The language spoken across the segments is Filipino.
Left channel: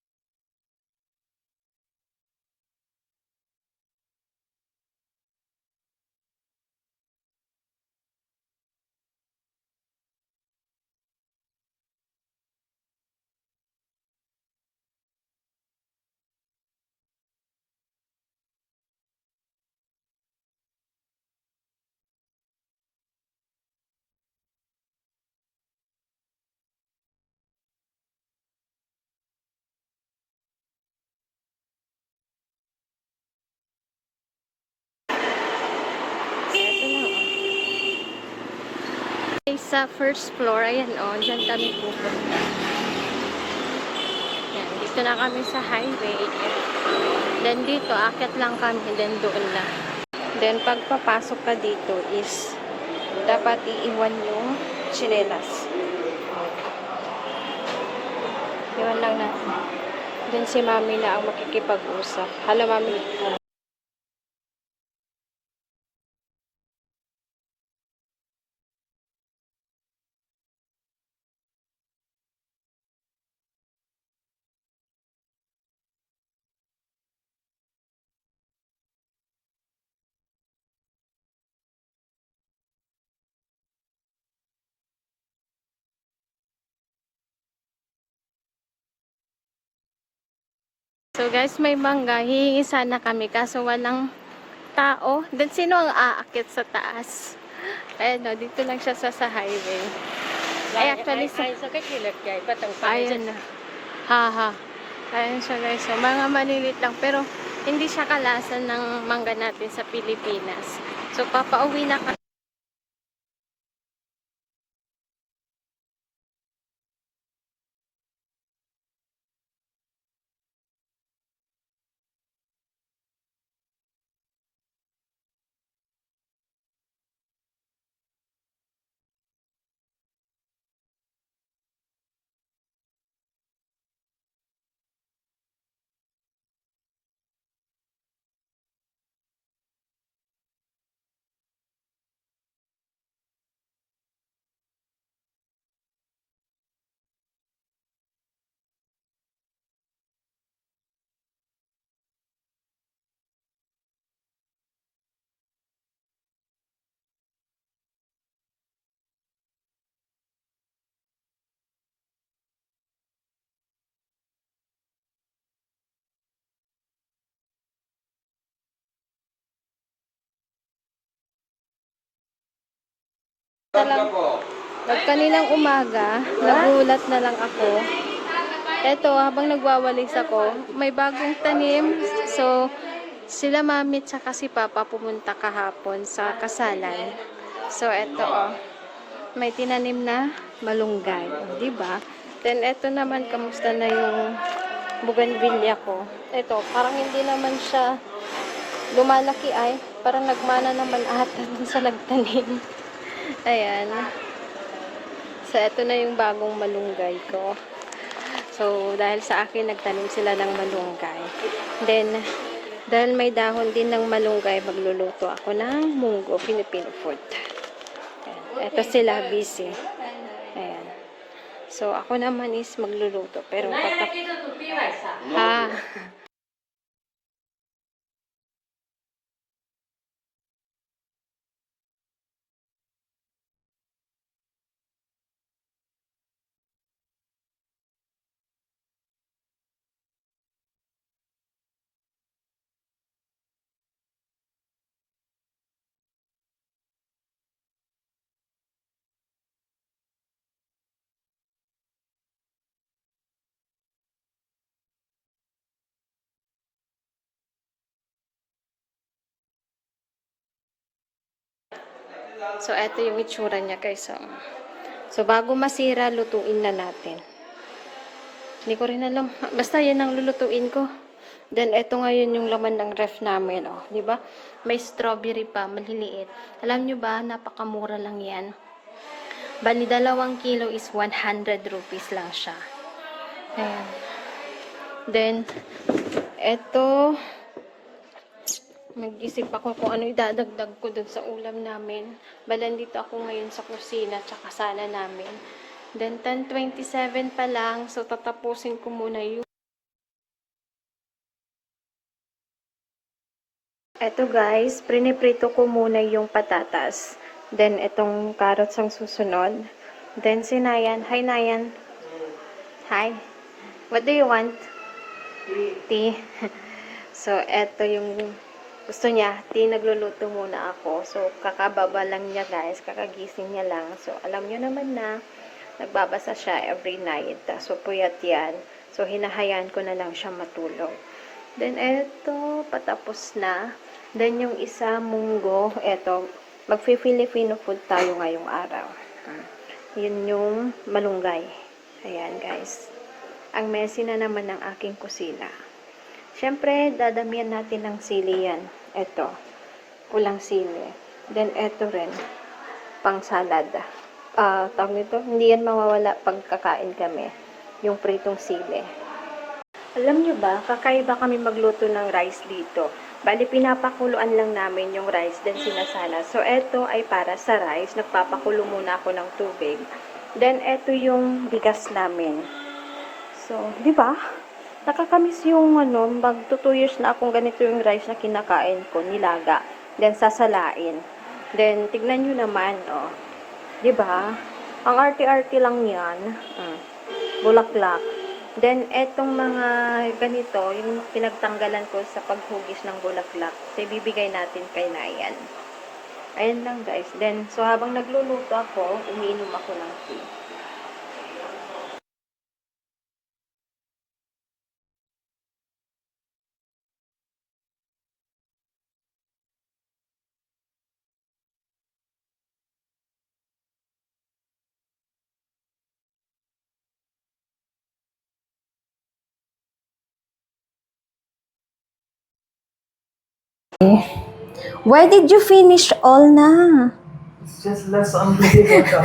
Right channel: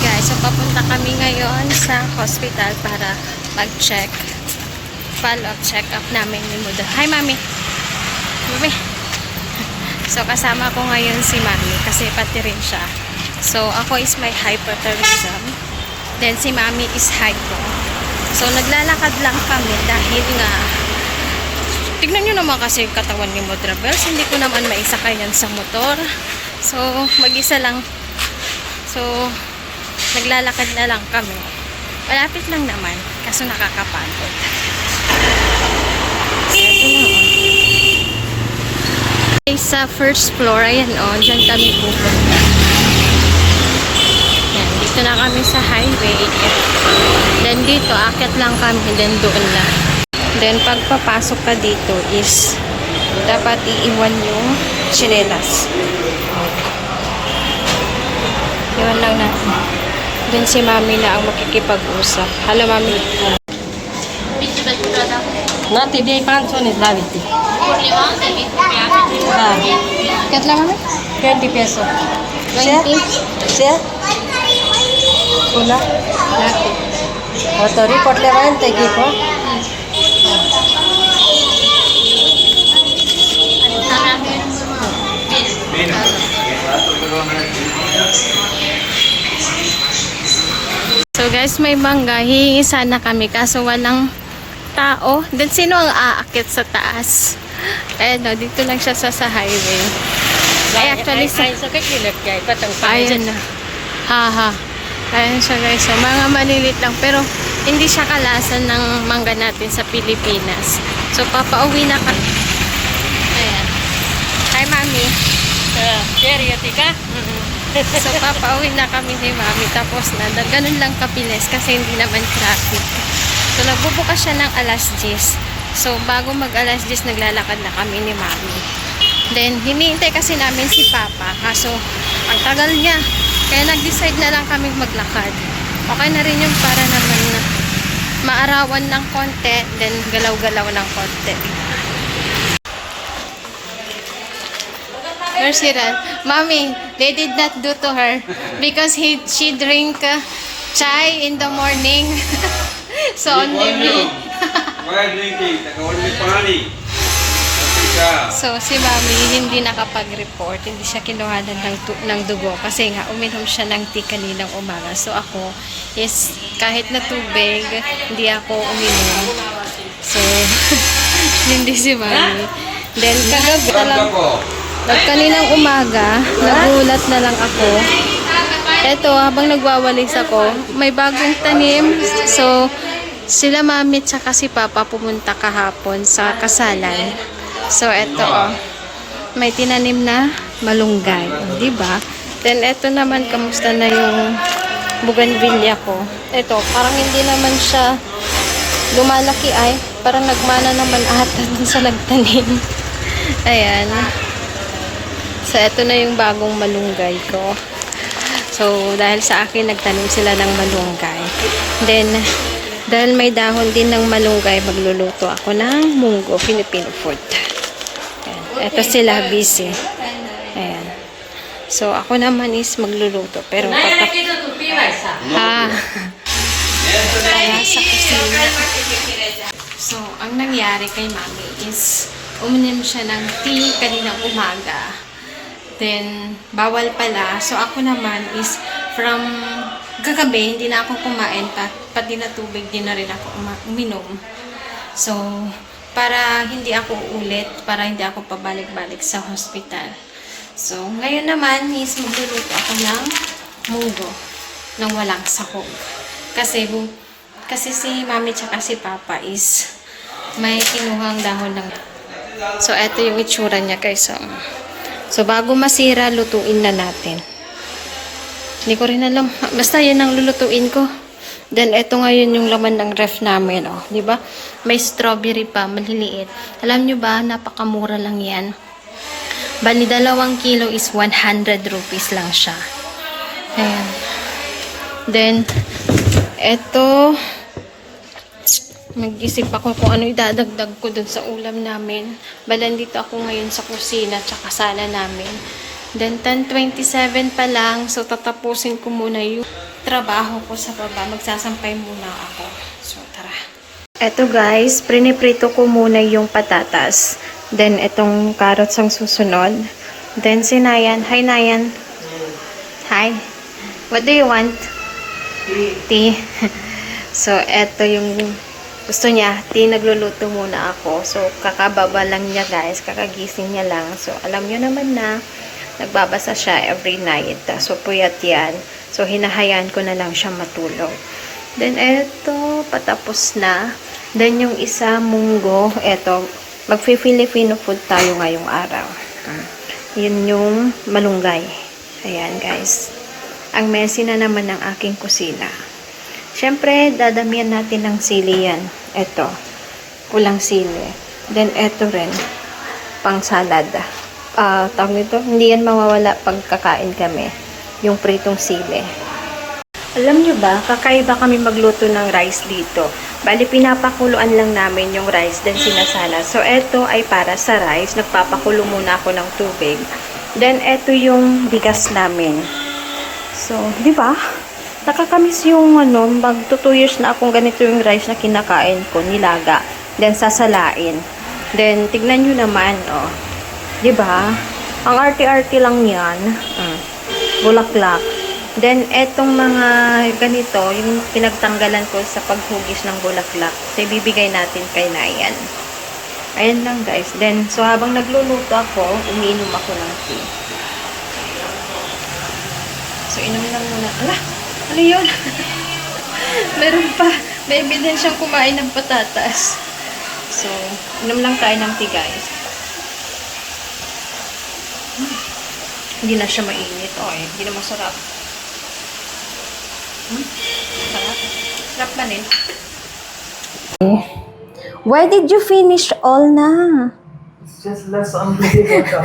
guys, so papunta kami ngayon sa hospital para mag-check, follow-up check-up namin ni Muda. Hi, Mami! Mami! So, kasama ko ngayon si Mami kasi pati rin siya. So, ako is may hyperthyroidism. Then, si Mami is hypo. So, naglalakad lang kami dahil nga tignan nyo naman kasi yung katawan ni Mudra Bells. Hindi ko naman maisakay yan sa motor. So, mag-isa lang. So, naglalakad na lang kami. Malapit lang naman. Kaso nakakapagod. So, sa first floor, ayan o, dyan kami pupunta. Yan, dito na kami sa highway. Then dito, akit lang kami, then doon na. Then pagpapasok ka dito is dapat iiwan yung tsinelas. Iwan lang natin. Then si Mami na ang makikipag-usap. Hello, Mami. Nanti dia 500 ni Laviti. Katla, Mami? 20 peso. 20? Siya? Pula? Lati. Auto report lewan tegi ko. So guys, may bangga. Hihingi sana kami kaso walang tao. Then sino ang aakit sa taas? Ayan o, dito lang siya sa highway. Ay, actually, sa kakilat kay patang ayun na. Haha. Ayan siya guys. So, mga malilit lang. Pero, hindi siya kalasan ng mangga natin sa Pilipinas. So, papauwi na kami. Ayan. Hi, Mami. Cherry tika. So, papauwi na kami ni Mami. Tapos na, ganun lang kapilis kasi hindi naman traffic. So, nagbubukas siya ng alas 10. So, bago mag alas 10, naglalakad na kami ni Mami. Then, hinihintay kasi namin si Papa. Kaso, ang tagal niya. Kaya nag-decide na lang kami maglakad. Okay na rin yung para naman na maarawan ng konti. Then, galaw-galaw ng konti. Where's Hiran? Mommy, they did not do to her because she drink chai in the morning. So only me. Why drinking? Only pani. So si Mami hindi nakapag-report, hindi siya kinuhanan ng dugo kasi nga uminom siya ng tea kaninang umaga. So ako is kahit na tubig, hindi ako uminom. So hindi si Mami. Then kagabi lang, kaninang umaga, nagulat na lang ako. Eto, habang nagwawalis ako, may bagong tanim. So, sila Mami at saka si Papa pumunta kahapon sa kasalan. So, eto, oh, may tinanim na malunggay. Diba? Then, eto naman, kamusta na yung bougainvillea ko. Eto, parang hindi naman siya lumalaki ay. Parang nagmana naman ata dun sa nagtanim. Ayan. So, eto na yung bagong malunggay ko. So, dahil sa akin, nagtanim sila ng malunggay. Then, dahil may dahon din ng malunggay, magluluto ako ng munggo, Filipino food. Ayan. Eto sila, busy. Ayan. So, ako naman is magluluto. Pero, kaya sa kusina. So, ang nangyari kay Mami is, uminom siya ng tea kaninang umaga. Then, bawal pala. So, ako naman is from kagabi, hindi na ako kumain. Pati na tubig, din na rin ako uminom. So, para hindi ako ulit, para hindi ako pabalik-balik sa hospital. So, ngayon naman is magluluto ako ng munggo ng walang sahog. Kasi si Mami tsaka si Papa is may kinuhang dahon ng... So, eto yung itsura niya guys. So, bago masira, lutuin na natin. Hindi ko rin alam. Basta yan ang lulutuin ko. Then, eto ngayon yung laman ng ref namin. Oh, di ba? May strawberry pa, maliliit. Alam nyo ba, napakamura lang yan. Bali, 2 kilo is 100 rupees lang siya. Ayan. Then, eto, nag-isip ako kung ano idadagdag ko dun sa ulam namin. Balan dito ako ngayon sa kusina tsaka sala namin. Then 10:27 pa lang, so tatapusin ko muna yung trabaho ko sa baba. Magsasampay muna ako. So tara. Eto guys, priniprito ko muna yung patatas. Then itong carrots ang susunod. Then si Nayan. Hi Nayan. Hi. What do you want? Tea. So eto yung gusto niya. Tea, nagluluto muna ako. So kakababa lang niya guys. Kakagising niya lang. So alam niyo naman na nagbabasa siya every night. So, puyat yan. So, hinahayaan ko na lang siya matulog. Then, eto, patapos na. Then, yung isa, munggo. Eto, magfi-Filipino food tayo ngayong araw. Yun yung malunggay. Ayan, guys. Ang messy na naman ng aking kusina. Siyempre, dadamihan natin ng sili yan. Eto, kulang sili. Then, eto rin, pang salad. Tawag nito, hindi yan mawawala pag kakain kami. Yung pritong sili. Alam nyo ba, kakaiba kami magluto ng rice dito. Bali, pinapakuluan lang namin yung rice, then sinasala. So, eto ay para sa rice. Nagpapakulo muna ako ng tubig. Then, eto yung bigas namin. So, di ba? Nakakamiss yung mag 2 years na akong ganito yung rice na kinakain ko, nilaga. Then, sasalain. Then, tignan nyo naman, oh. Diba? Ang arty-arty lang yan. Bulaklak. Then, etong mga ganito, yung pinagtanggalan ko sa paghugis ng bulaklak. So, ibibigay natin kay Nayan. Ayan lang, guys. Then, so, habang nagluluto ako, umiinom ako ng tea. So, inom lang muna. Ala! Ano yun? Meron pa. May ebidensyang kumain ng patatas. So, inom lang tayo ng tea, guys. Hindi na siya mainit. Hindi na masarap. Sarap. Sarap na rin. Why did you finish all na? It's just less unbelievable.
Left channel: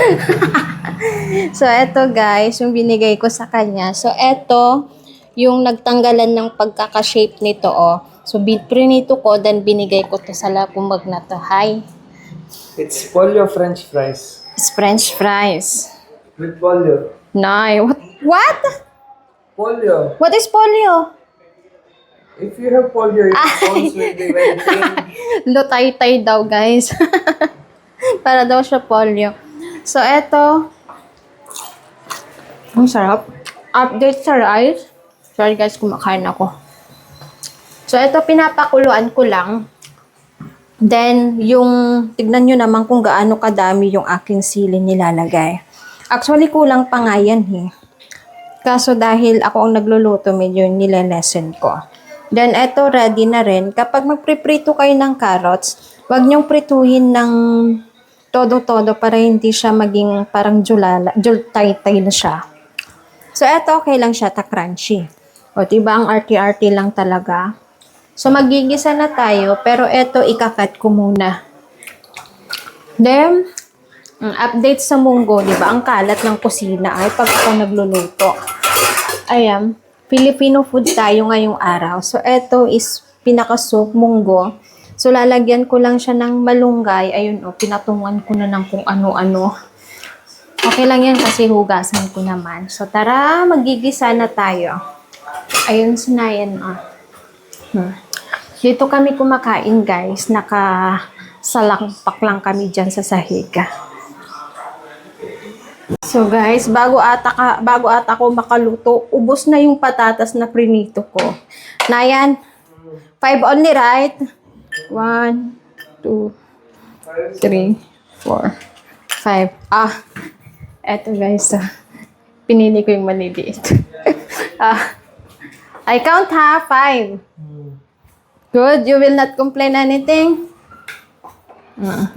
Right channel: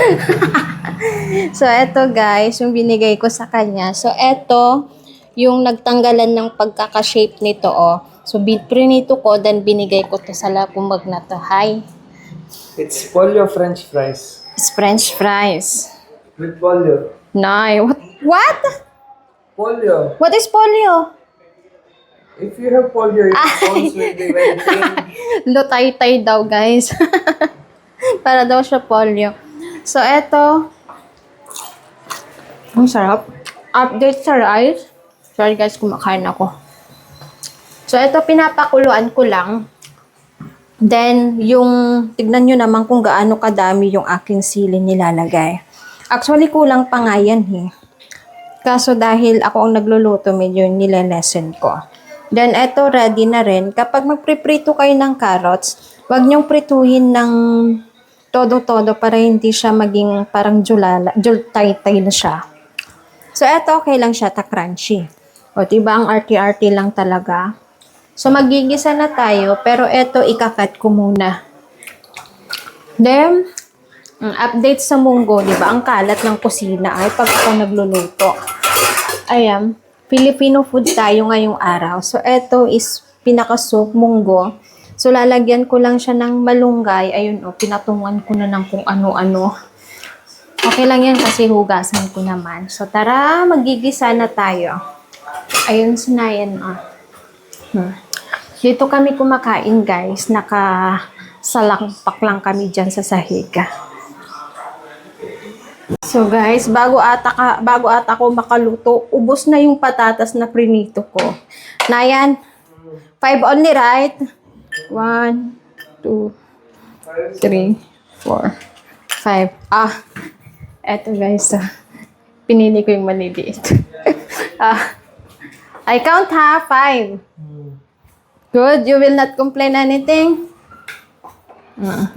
So, eto guys, yung binigay ko sa kanya. So, eto, yung nagtanggalan ng pagkaka-shape nito, oh. So, prinito ko, then binigay ko to sa lakumag na to. Hi. It's pollo French fries. It's French fries. With pollo. Nay, what? Pollo. What is polio? If you have pollo, your bones will be very thin. Lutay-tay daw, guys. Para daw siya polio. So, eto. Ang sarap. Update sa rice. Sorry guys, kumakain ako. So, eto, pinapakuluan ko lang. Then, tignan nyo naman kung gaano kadami yung aking sili nilalagay. Actually, kulang pa nga yan, Kaso dahil ako ang nagluluto, medyo nilelesen ko. Then, eto, ready na rin. Kapag magpriprito kayo ng carrots, wag nyong prituhin ng todo-todo para hindi siya maging parang jultay-tay na siya. So, eto, okay lang siya, crunchy. O, diba, ang arty-arty lang talaga. So, magigisa na tayo, pero eto, ikakat ko muna. Then, update sa munggo, di ba? Ang kalat ng kusina ay pag ako nagluluto. Ayan, Filipino food tayo ngayong araw. So, eto is pinaka-soup, munggo. So, lalagyan ko lang siya ng malunggay. Ayun, pinatungan ko na ng kung ano-ano. Okay lang yan kasi hugasan ko naman. So, tara, magigisa na tayo. Ayun, sinayan, Dito kami kumakain, guys. Nakasalakpak lang kami dyan sa sahig. So guys, bago ata ako makaluto, ubos na yung patatas na prinito ko. Nayan, 5 only, right? 1, 2, 3, 4, 5. Eto guys, pinili ko yung maliliit. I count 5. Good, you will not complain anything?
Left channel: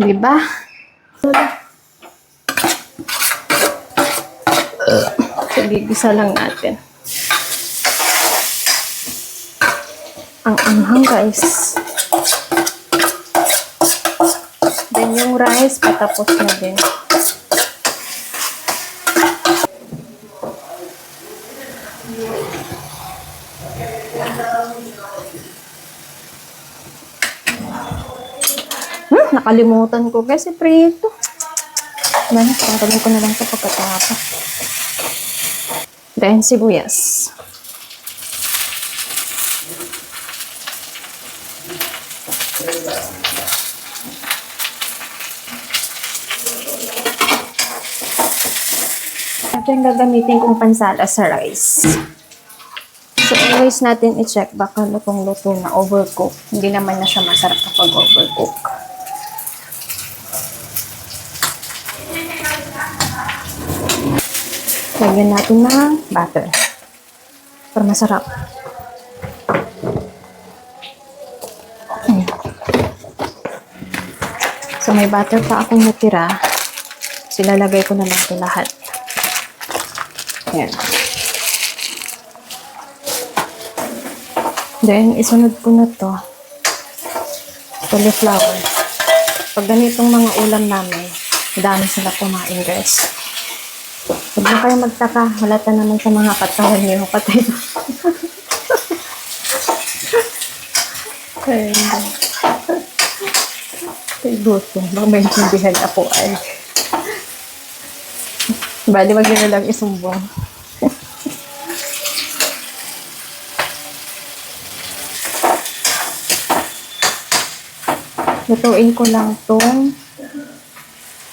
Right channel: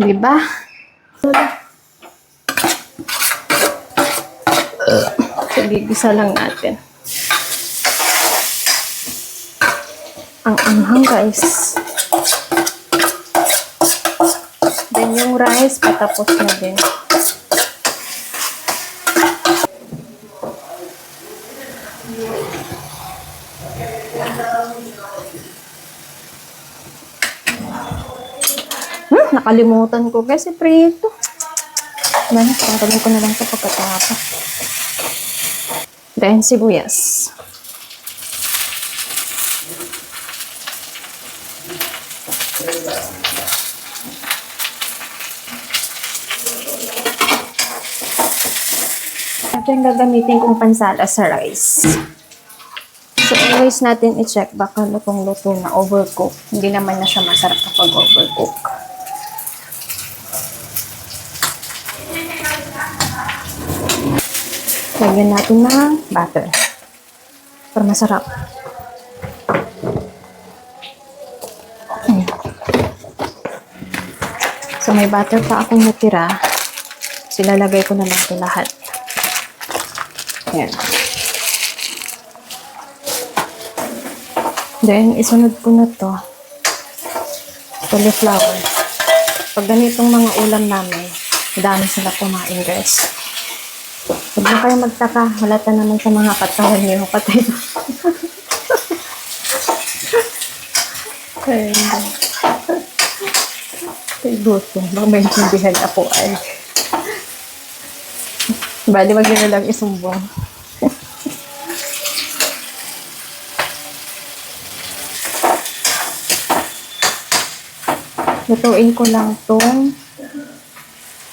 Diba? So, gigisa lang natin. Ang anghang, guys. Then, yung rice, patapos na din. Nakalimutan ko, guys. Prito. Man, tanggalin ko na lang ito pagkatapos. Then, sibuyas. Ito yung gagamitin kong pansala sa rice. So, always natin i-check baka lutong-luto na overcook. Hindi naman na siya masarap kapag overcook. Lagyan natin ng butter. Para masarap. So, may butter pa akong natira. Silalagay ko na lang ito lahat. Ayan. Then, isunod ko na to. Cauliflower. Pag ganitong mga ulam namin, dami sila kumain, guys. Huwag na kayo magtaka. Halata naman sa mga katawan niyo. Patay na. Kaya hindi. Kaya gusto. Baka maintindihan ako ay. Bali, wag nyo lang isumbong. Lutuin ko lang tong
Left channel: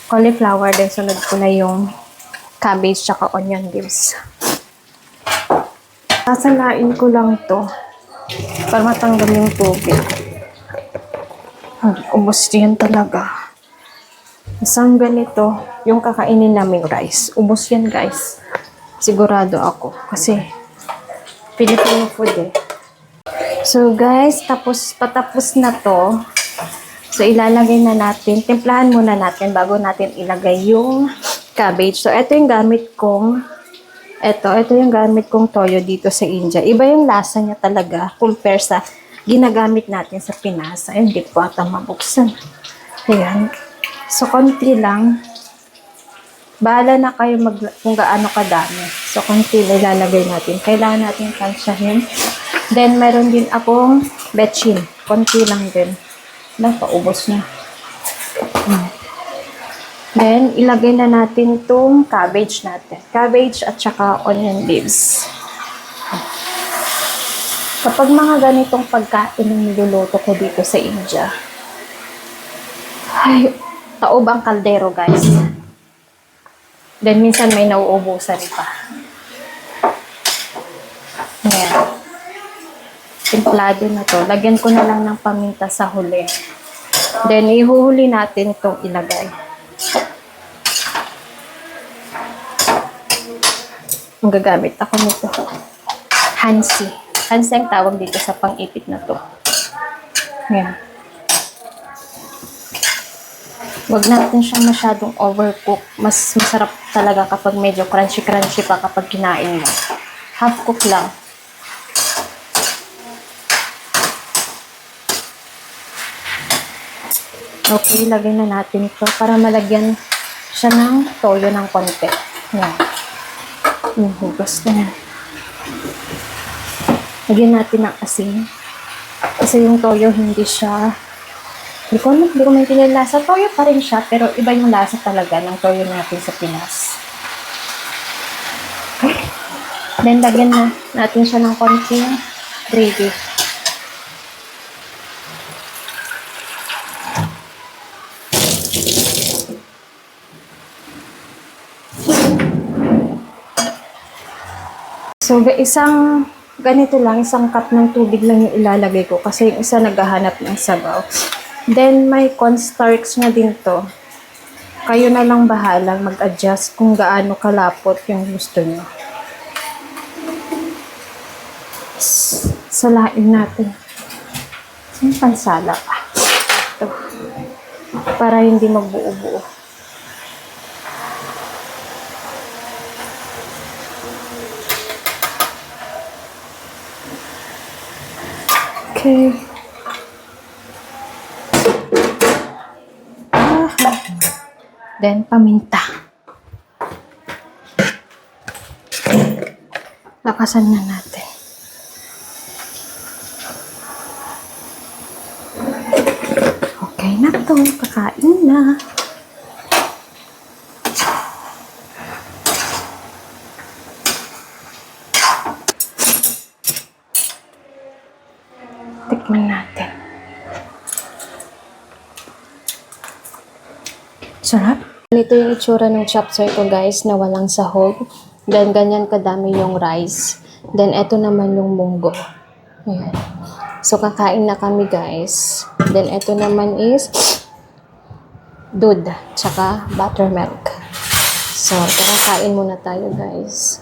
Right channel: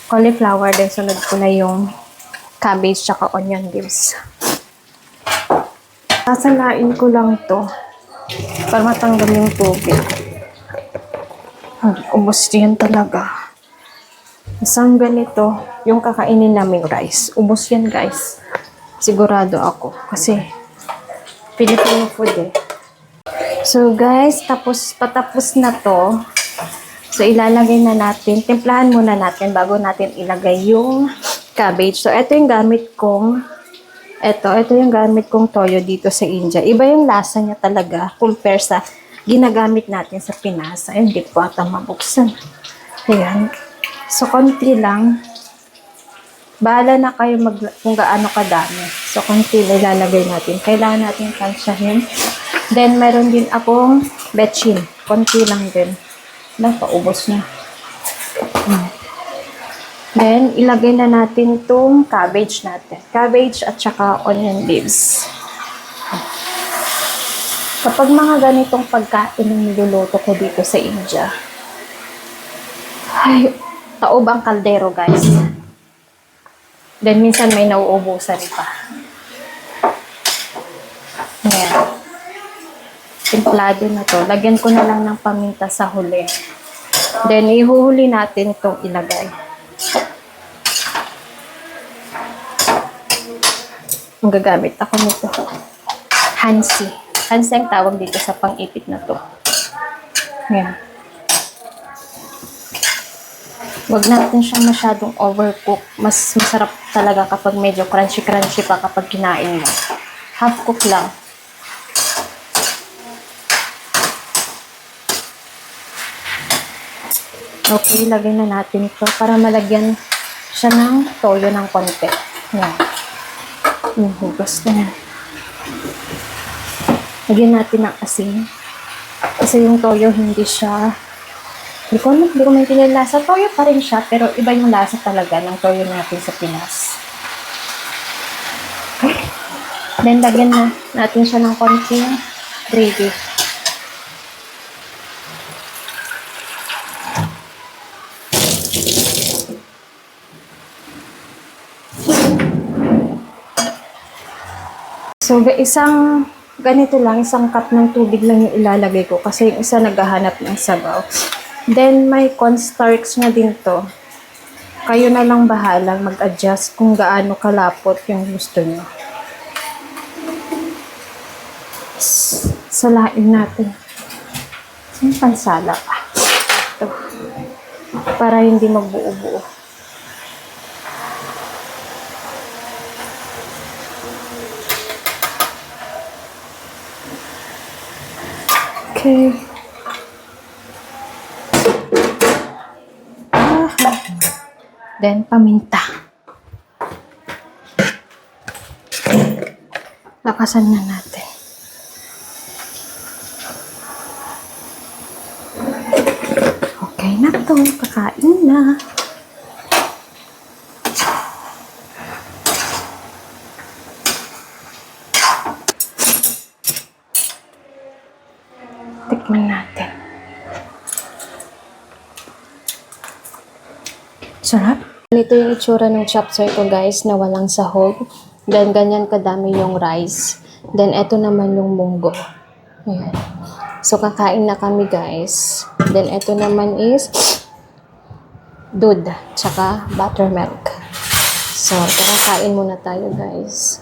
cauliflower. Then, sunod ko na yung cabbage tsaka onion leaves. Sasalain ko lang to para matanggal yung tubig. Ubos yan talaga. Isang ganito, yung kakainin naming rice. Ubos yan, guys. Sigurado ako. Kasi, Filipino food eh. So, guys, patapos na to. So, ilalagay na natin. Timplahan muna natin bago natin ilagay yung cabbage. So, ito yung gamit kong toyo dito sa India. Iba yung lasa niya talaga compare sa ginagamit natin sa Pinas. Ayun, hindi po ata mabuksan. Ayan. So, konti lang. Bahala na kayo kung gaano kadami. So, konti na ilalagay natin. Kailangan natin tansyahin. Then, meron din akong betchin. Konti lang din. Paubos na. Then, ilagay na natin itong cabbage natin. Cabbage at saka onion leaves. Kapag mga ganitong pagkain ang niluluto ko dito sa India, ay, taob ang kaldero, guys. Then, minsan may nauubusan pa. Ayan. Timplado na to. Lagyan ko na lang ng paminta sa huli. Then, ihuhuli natin itong ilagay. Ang gagamit ako nito. Hansi. Hansi ang tawag dito sa pang-ipit na to. Ayan. Huwag natin siyang masyadong overcook. Mas masarap talaga kapag medyo crunchy-crunchy pa kapag kinain mo. Half cook lang. Okay, lagay na natin ito para malagyan siya ng toyo ng konti. Yan. Yung hugas na yan. Lagyan natin ng asin. Kasi yung toyo hindi siya, hindi ko maintindihan lasa. Toyo pa rin siya, pero iba yung lasa talaga ng toyo natin sa Pinas. Okay. Then, lagyan na natin siya ng konting gravy. So, isang cup ng tubig lang yung ilalagay ko kasi yung isa naghahanap ng sabaw. Then, may cornstarch na din to. Kayo na lang bahalang mag-adjust kung gaano kalapot yung gusto nyo. Salain natin. Yung pansala pa. Ito. Para hindi magbuo-buo. Okay. Then, paminta. Lakasan na natin. Okay na to. Kakain na. Tikman natin. Sarap. Ito yung itsura ng chop suey ko guys na walang sahog. Then ganyan kadami yung rice. Then ito naman yung munggo. Ayan. So kakain na kami guys. Then ito naman is dud tsaka buttermilk. So kakain muna tayo guys.